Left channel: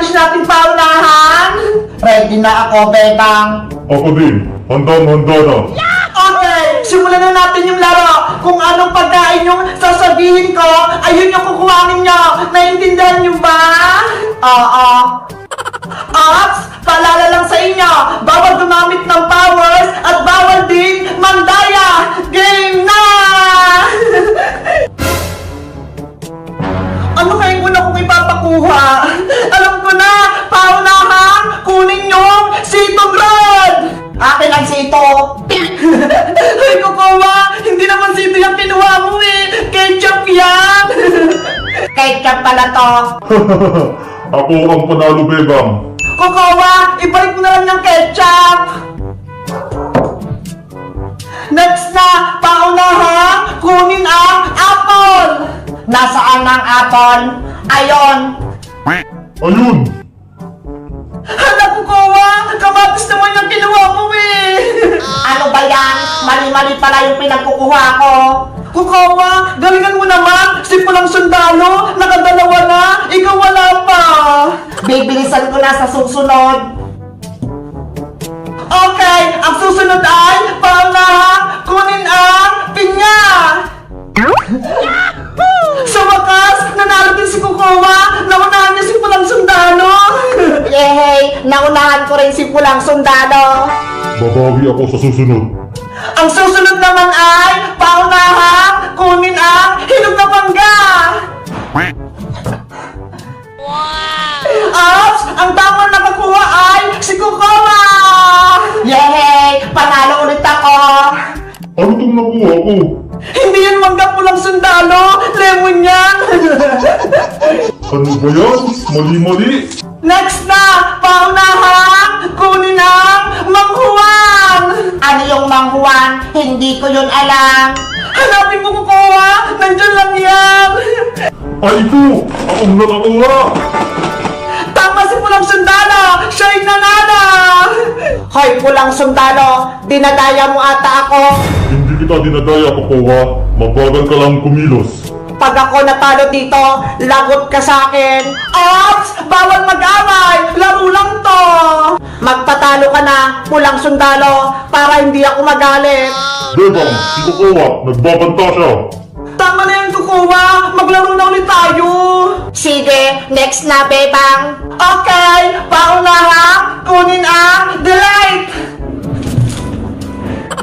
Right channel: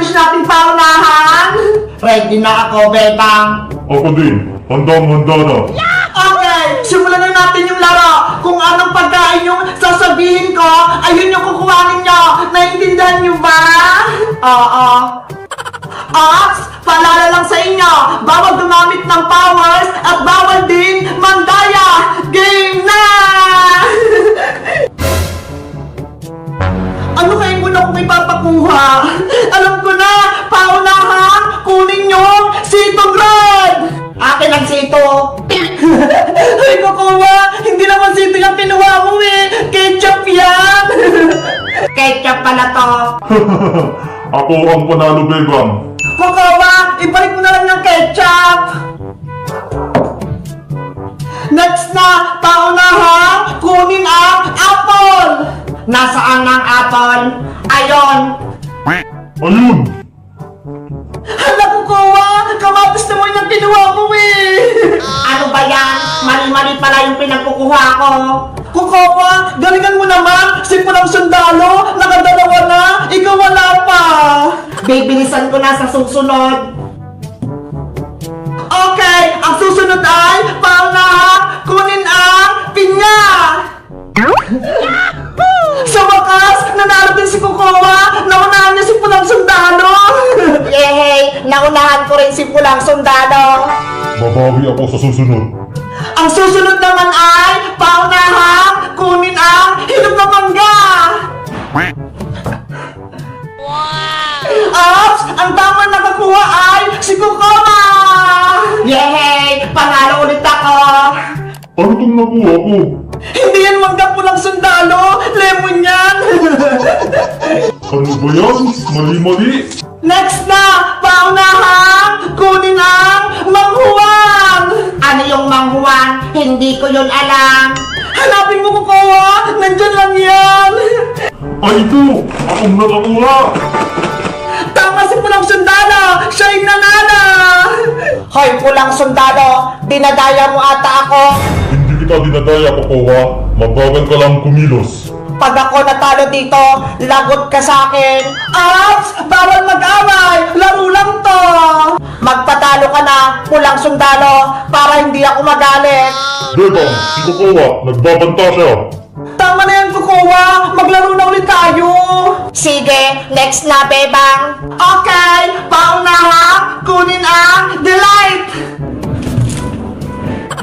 challenge natin paunahan? Ready na ako, Bebang. Ako din. Handa na. Okay, simulan na natin yung laro. Kung anong pagkain yung sasabihin ko, ayun yung kukuhanin nyo. Naiintindihan nyo ba? Oo. At, paalala lang sa inyo, bawal gumamit ng powers at bawal din mandaya. Game na! Ano kayo muna kung may papakuha? Alam ko na, paunahan, kunin yung sitong red! Akin ang sito! Ay, kukuha! Hindi naman sito yung kinuha mo eh! Ketchup yan! Ketchup pala to! Ako ang panalo, Bebang. Kukuha! Ibalik mo na lang ng ketchup! Next na, paunahan, kunin ang apple! Nasaan ang apple? Ayon! Ayun! Hala, kukuha! Kamatis naman yung kinuha mo eh! Ano ba yan? Mali-mali pala yung pinagkukuha ko! Kukuha! Galingan mo naman! Simulang sundalo! Nakadalawa na! Ikaw wala pa! Bibilisan ko na sa susunod! Okay! Ang susunod ay paunahan! Kunin ang pinya! Sa wakas, nanalo din si Kukuha! Naunahan niya si Pulang Sundalo! Yehey! Naunahan ko rin si Pulang Sundalo! Babawi ako sa susunod. Ang susunod naman ay paunahan! Kunin ang hinog na mangga! At ang tama na nakuha ay si Kukuha! Yehey! Panalo ulit ako! Ano itong nakuha ko? Hindi yan mangga Pulang Sundalo! Lemon yan! Ano ba yan? Mali-mali? Next na! Paunahan! Kunin ang manghuan! Ano yung manghuan? Hindi ko yun alam! Hanapin mo Kukuha! Nandyan lang yan! Ay ko! Akong nakakuha! Tama si Pulang Sundalo! Siya'y nanalo! Hoy Pulang Sundalo! Dinadaya mo ata ako! Hindi kita dinadaya, Kukuha. Mabagal ka lang kumilos. Pag ako natalo dito, lagot ka sa akin. Ops! Bawal mag-away! Laro lang to! Magpatalo ka na, Pulang Sundalo, para hindi ako magalit. Bebang, si Kukuha, nagbabanta siya. Tama na yan, Kukuha! Maglaro na ulit tayo! Sige, next na, Bebang! Okay! Paunahan! Kunin ang delight!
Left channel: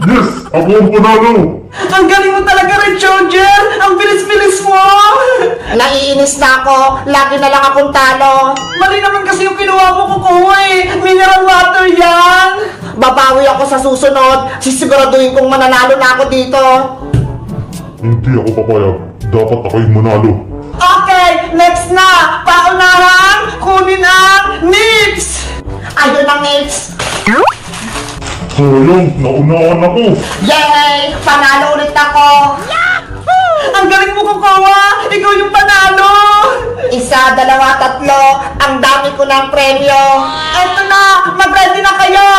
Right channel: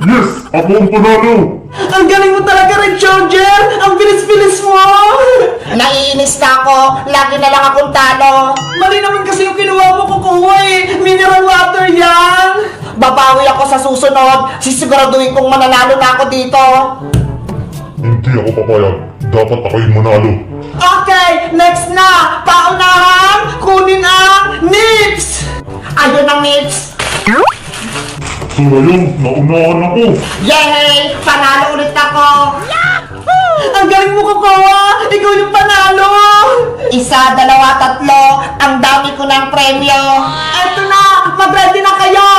Yes! Ako ang panalo! Ang galing mo talaga, Red Soldier! Ang bilis-bilis mo! Naiinis na ako. Lagi na lang akong talo. Mali naman kasi yung kinuha mo, Kukuha eh. Mineral water yan. Babawi ako sa susunod. Sisiguraduhin kong mananalo na ako dito. Hindi ako papayag. Dapat ako'y manalo. Okay, next na. Paunahan, kunin ang nips. Ayun ang nips. So ngayon, naunahan ako. Yay! Panalo ulit ako! Yahoo! Ang galing mo, Kukuha! Ikaw yung panalo! Isa, dalawa, tatlo. Ang dami ko ng premyo. Eto na! Mag-ready na kayo!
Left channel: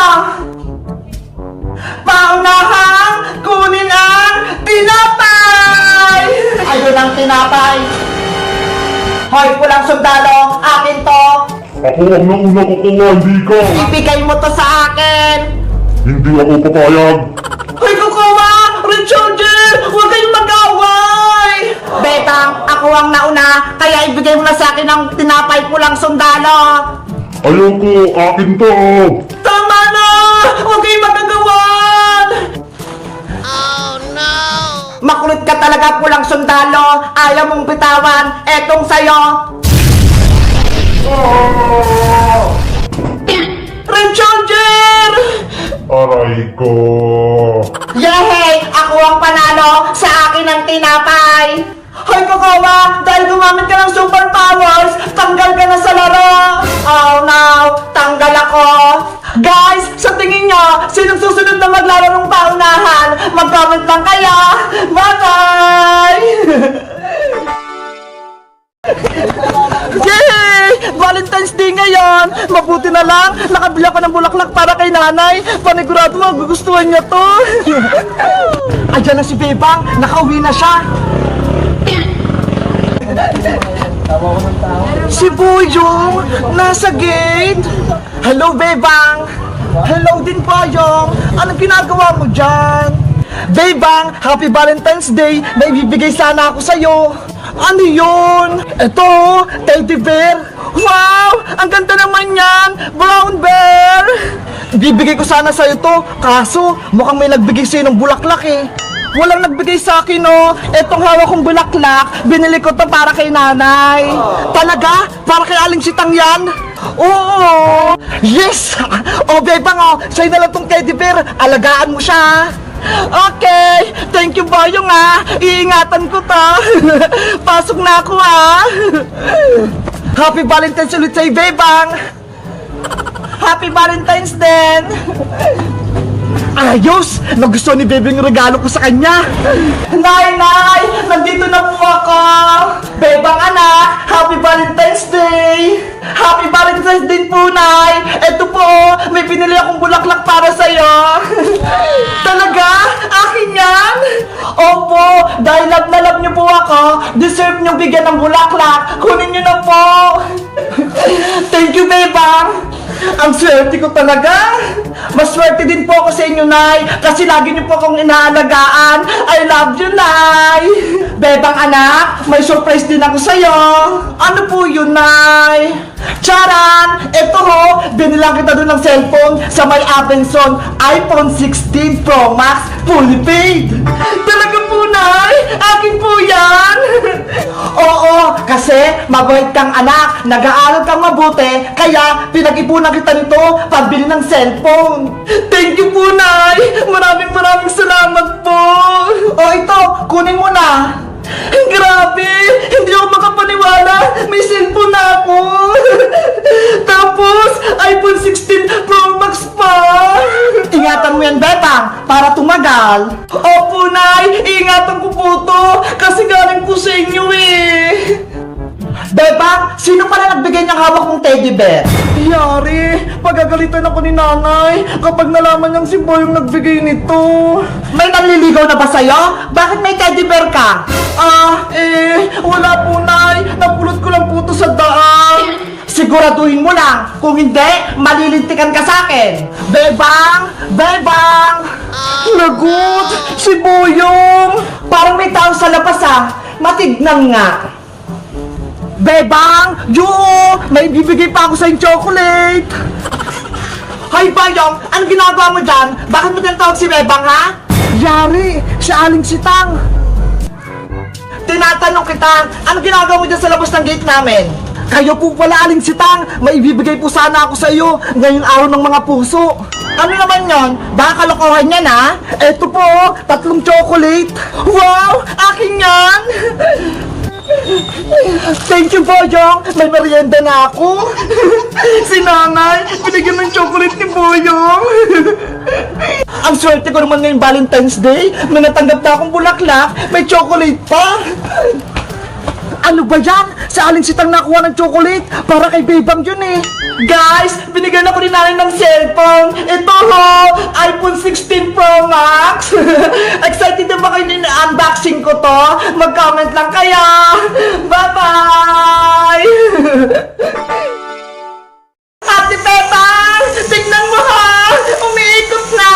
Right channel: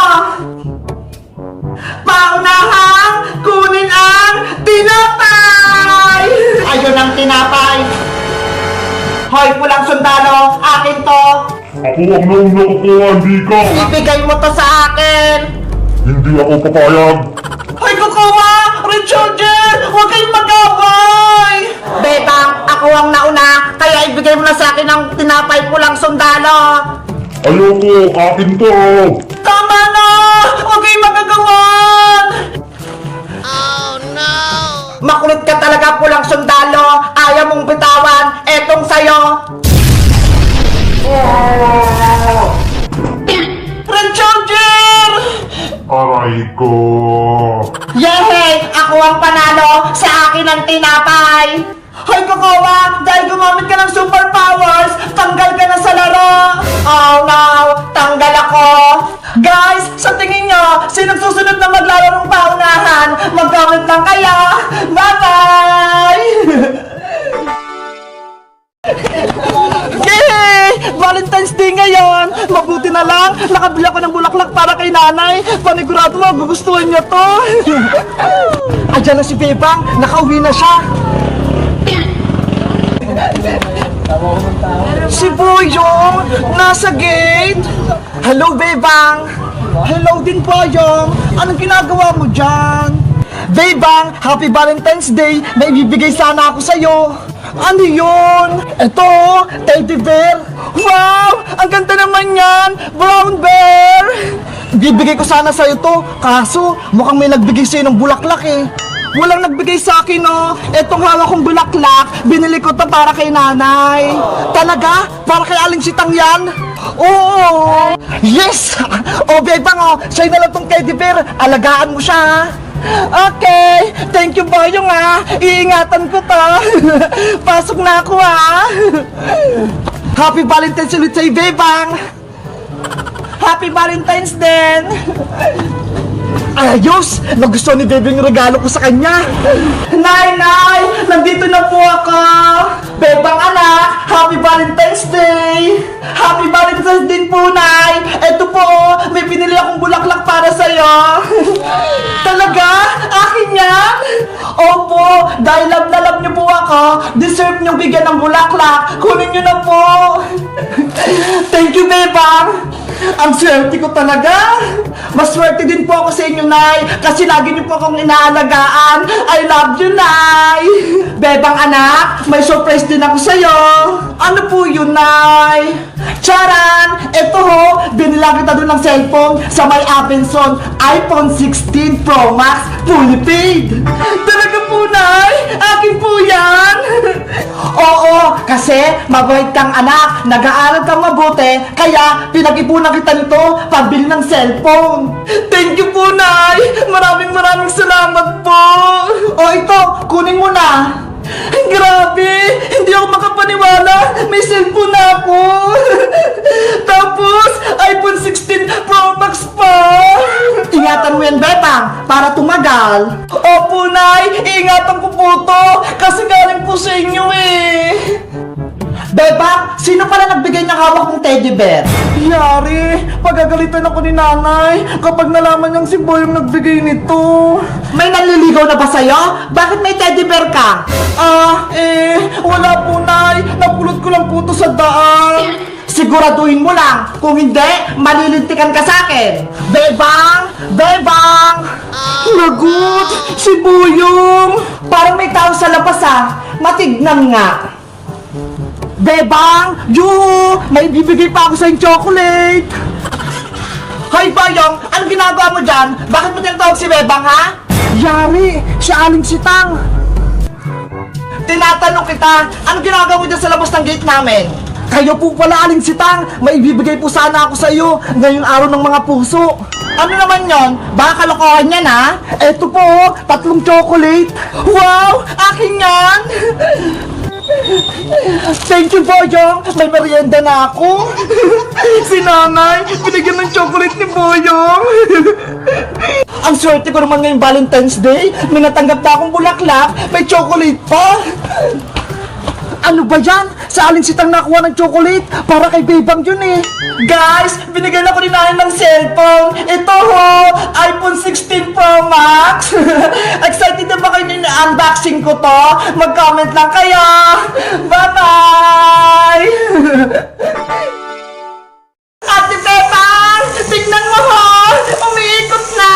Paunahan! Kunin ang tinapay! Ayun ang tinapay! Hoy, Pulang Sundalo! Akin to! Ako ang nauna, Kukuha, hindi ka. Ibigay mo to sa akin! Hindi ako papayag. Ay, Kukuha! Red Soldier! Huwag kayong mag-away! Bebang, ako ang nauna, kaya ibigay mo na sa akin ang tinapay Pulang Sundalo! Ayoko, akin to. Tama na! Huwag kayong magagawa! Oh, no! Makulit ka talaga, Pulang Sundalo! Ayaw mong bitawan! Etong sayo! Red Soldier! Aray ko. Yehey! Ako ang panalo! Sa akin ang tinapay! Hoy, Kukuha! Dahil gumamit ka ng superpowers, tanggal ka na sa laro! Oh no! Tanggal ako! Guys, sa tingin nyo, sino susunod na maglaro ng paunahan? Mag-comment lang kayo! Bye-bye! Yay! Valentine's Day ngayon! Mabuti na lang, nakabili ako ng bulaklak para kay nanay. Panigurado mo, gugustuhan niya to. Ayan na si Bebang, nakauwi na siya. Si Boyong, nasa gate. Hello, Bebang. Hello din, Boyong. Anong ginagawa mo dyan? Bebang, Happy Valentine's Day. May bibigay sana ako sa'yo. Ano yun? Ito, teddy bear. Wow! Ang ganda naman yan! Brown bear! Bibigay ko sana sa'yo to, kaso mukhang may nagbigay sa'yo ng bulaklak eh. Walang nagbigay sa akin, no? Etong hawak kong bulaklak, binili ko to para kay nanay. Talaga? Para kay Aling Sitang yan? Oo! Yes! O, Bebang, oh, sa'yo na lang tong teddy bear. Alagaan mo siya. Okay, thank you Boyong ah. Iingatan ko to. Pasok na ako ah. Happy Valentine's ulit sa'yo, Bebang. Happy Valentine's din. Ayos! Nagustuhan ni Bebe yung regalo ko sa kanya. Nay! Nandito na po ako. Bebang anak, Happy Valentine's Day. Happy Valentine's Day po, Nay. Ito po, may pinili akong bulaklak para sa'yo. Talaga? Akin yan? Opo, dahil love na love niyo po ako, deserve niyo bigyan ng bulaklak. Kunin niyo na po. Thank you, Bebang. Ang swerte ko talaga. Maswerte din po ako sa inyo, Nay, kasi lagi niyo po akong inaalagaan. I love you, Nay. Bebang anak, may surprise din ako sa'yo. Ano po yun, Nay? Charan! Ito ho, binilang kita doon ng cellphone sa may Abenson iPhone 16 Pro Max fully paid. Talaga po, Nay? Akin po yan. Oo, kasi mabait kang anak, nag-aaral kang mabuti, kaya pinag-ipunan kita nito pambili ng cellphone. Thank you po, Nay. Maraming salamat po. O ito, kunin mo na. Grabe, hindi ako makapaniwala. May cellphone na ako. Tapos, iPhone 16 Pro Max pa. Ingatan mo yan, Betang, para tumagal. Opo, Nay. Ingatan ko po to. Kasi galing po sa inyo eh. Bebang, sino pala nagbigay ng hawak mong teddy bear? Yari, pagagalitan ako ni nanay kapag nalaman niyang si Boy yung nagbigay nito. May nanliligaw na ba sa'yo? Bakit may teddy bear ka? Wala po, Nay. Napulot ko lang po to sa daan. Siguraduhin mo lang. Kung hindi, malilintikan ka sa akin. Bebang! Bebang! Lagot! Si Boyong! Parang may tao sa labas ah. Matignan nga. Bebang! Yoo! May bibigay pa ako sa chocolate! Hoy, Boyong! Anong ginagawa mo dyan? Bakit mo tinatawag si Bebang, ha? Yari! Si Aling Sitang! Tinatanong kita, anong ginagawa mo dyan sa labas ng gate namin? Kayo po pala, Aling Sitang! May bibigay po sana ako sa iyo ngayong araw ng mga puso! Ano naman yon? Baka kalokohan yan, ha? Eto po, 3 chocolate! Wow! Akin yan! Thank you, Boyong! May merienda na ako! Si nanay, binigyan ng chocolate ni Boyong! Ang swerte ko naman ngayong Valentine's Day! May natanggap na akong bulaklak, may chocolate pa! Ano ba yan? Sa Aling Sitang nakuha ng chocolate? Para kay Bebang yun eh! Guys, binigyan ako ni nanay ng cellphone! Ito ho! iPhone 16 Pro Max! Excited na ba kayo na-unboxing ko to? Mag-comment lang kayo! Bye-bye! Ate Bebang! Tignan mo ho! Umiikot na!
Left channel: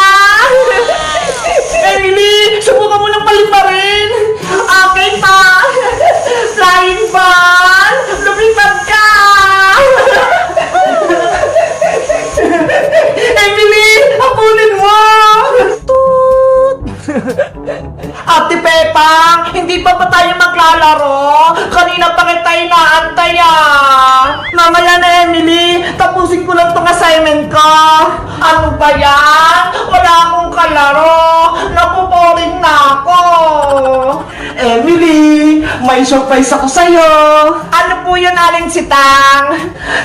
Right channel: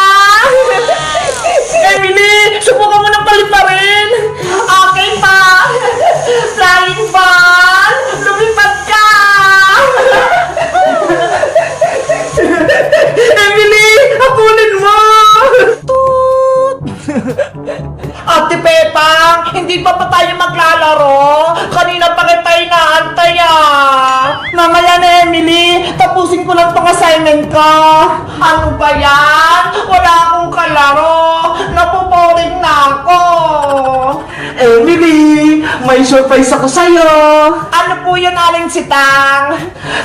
Emily! Subukan mo ng paliparin! Okay pa! Flying ball! Lumipad ka! Emily! Habulin mo! Toot! Ate Pepang! Hindi pa tayo maglalaro? Kanina pa kita inaantay ah! Mamaya na, Emily! Tapusin ko lang tong assignment ko! Ano ba yan? Wala akong kalaro! Napuporing na ako! Emily! May surprise ako sa'yo! Ano po yun, Aling Sitang?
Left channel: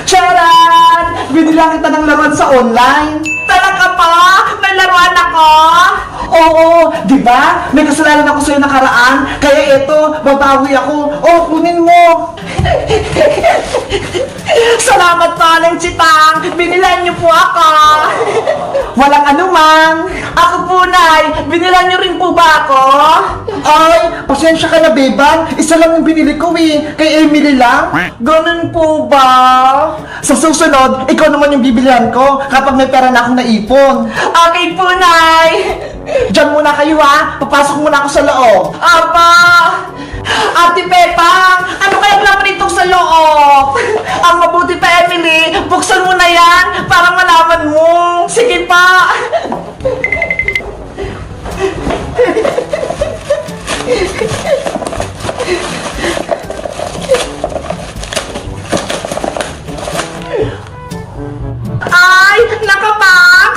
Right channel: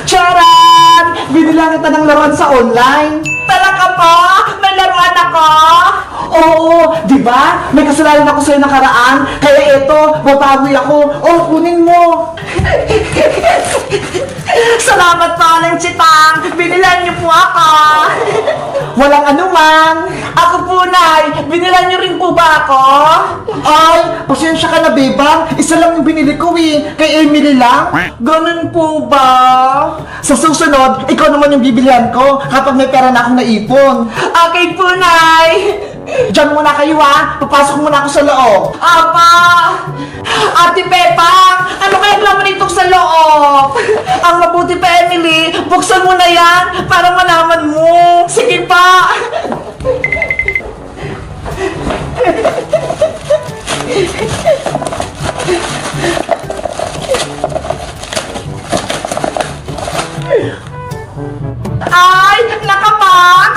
Charan! Binilang kita ng laruan sa online! Talaga po? May laruan ako? Oo! Di ba? May kasalanan ako sa'yo nakaraan, kaya eto, babawi ako. Oh, kunin mo! Salamat po, Manong Chitang, binilan niyo po ako. Walang anuman. Ako po, Nay. Binilan niyo rin po ba ako? Ay, pasensya ka na, Bebang. Isa lang yung binili ko eh. Kay Emily lang. Ganun po ba? Sa susunod, ikaw naman yung bibilihan ko kapag may pera na akong naipon. Okay po, Nay. Diyan muna kayo ha. Papasok muna ako sa loob. Apa! Ate Pepang, ano kaya naman itong sa loob? Ang mabuti pa, Emily, buksan mo na yan para malaman mo. Sige pa. Ay, naka-max!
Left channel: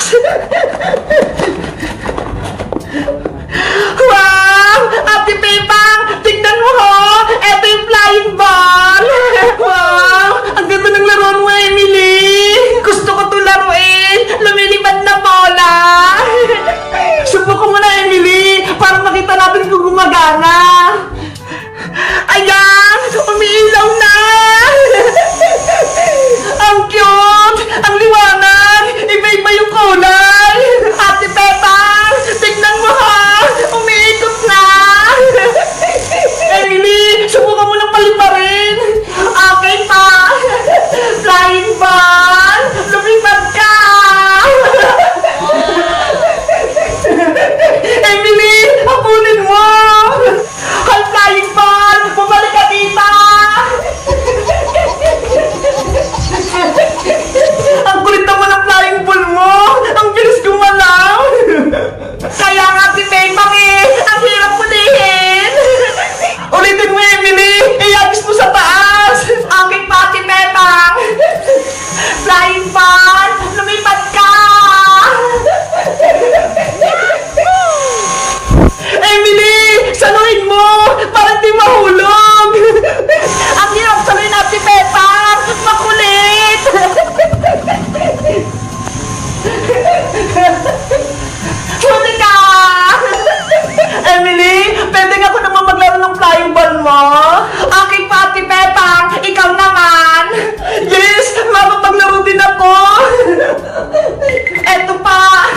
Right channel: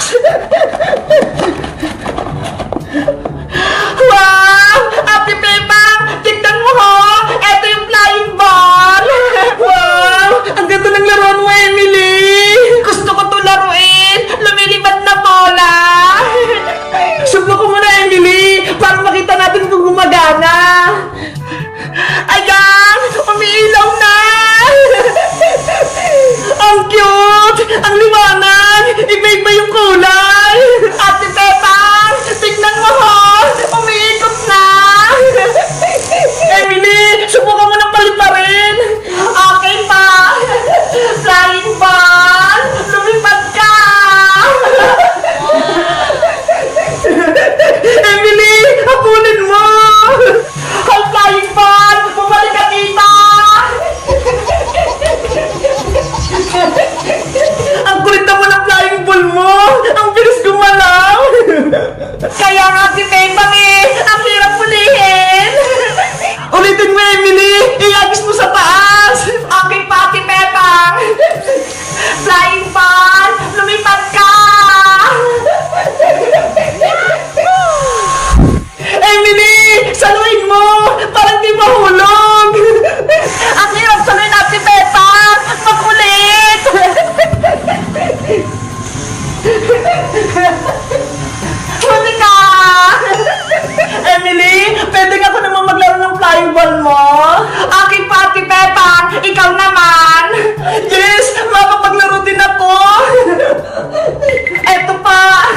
Wow! Ate Pepang, tignan mo ho! Ito yung flying ball! Wow! Ang ganda ng laruan mo, Emily! Gusto ko itong laruin! Lumilipad na bola! Subukan mo na, Emily! Para makita natin kung gumagana! Ayan! Umiilaw na! Ang cute! Ang liwanag! Iba-iba yung kulay! Ate Pepang! Tignan mo ho! Umiikot na! Emily! Subukan mo ng paliparin! Okay pa! Flying ball! Lumipad ka! Emily! Habulin mo! Hi, flying ball! Bumalik ka tita! Ang kulit naman ng flying ball mo! Ang bilis gumalaw! Kaya nga si Pepang eh! Ang hirap pulihin! Ulitin mo, Emily! Iagis mo sa taas! Okay pa, Ate Pepang! Flying ball! Lumipad ka! Emily! Saluhin mo! Para di mahulog! Ang hirap saluhin, Ate Pepang! Makulit! Huli ka! Emily, pwede nga ko naman maglaro ng flying ball mo? Okay pa, Ate Pepang, ikaw naman! Yes, mapapaglaro din ako! Eto pa!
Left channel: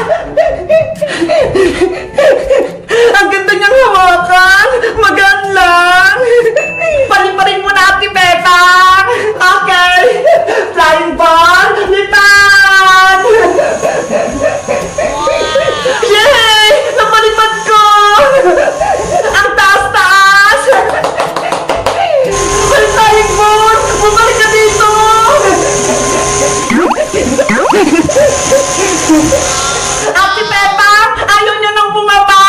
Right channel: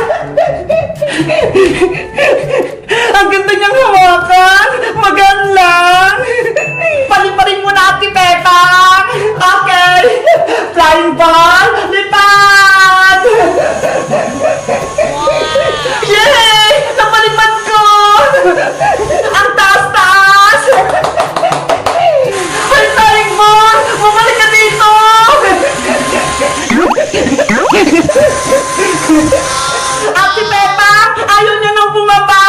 Ang ganda niyang hawakan! Magaan lang! Paliparin mo na, Ate Pepang! Okay! Flying ball, lipad! Yay! Napalipad ko! Ang taas-taas! Ay, flying ball! Bumalik ka dito! Ate Peppa! Ayaw niyo nang bumaba!